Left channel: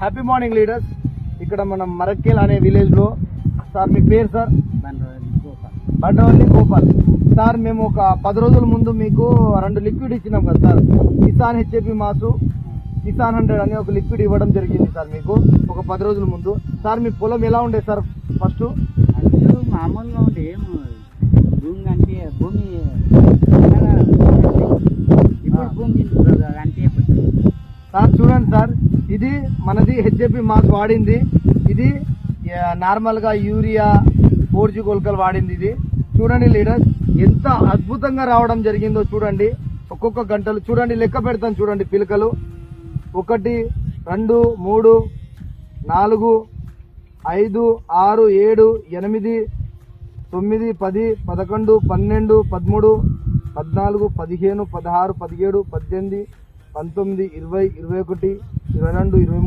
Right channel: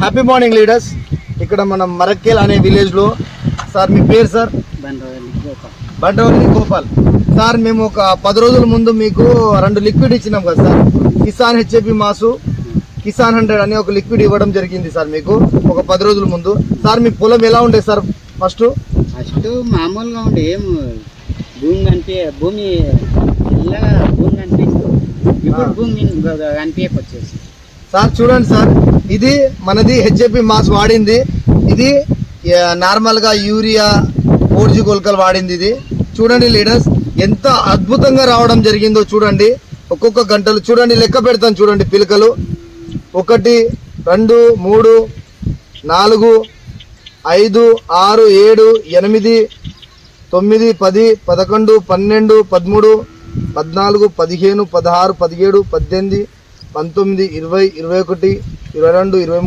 Happy morning leaders. ఇక్కడ మనం మరక్కేల్ అనే విలేజ్లో సార్ మీ పేరు సార్? బండవల్లి గోపాల్ సార్. మేము ఒక 10 రోజుల ముందు మీకు 2 లిక్విడ్ ఇచ్చినాం కదా sir. Kisan HAP mass, Kisan 100 అని ఒక లిక్విడ్ ఇవ్వడం జరిగింది సార్ మీకు ఒక 10 రోజుల ముందు. సార్ మీ పొలం ఎలా ఉండే సార్? ఫస్ట్ మామూలుగా ఉండే, ఏం భూమి ఇప్పుడు భూమి కనిపించకొచ్చేసి సార్ చూడండి సార్, ఇది మనది హెచ్ఏపి మాస్ వాడింది. ఇది నార్మల్గా యూరియా 4G గుళికలు వాడింది. ఇది చూడండి లీడర్స్, ఎంత అద్భుతంగా రావడం జరిగిందో చూడండి. ఒక్కొక్క గంటలు చూడండి, లెక్క పెడతాను చూడండి. పిలకలు 1 2 3 4 5 6 7 8 9 10 11 12 13 14 15 16 17 18 19 20 21 22 23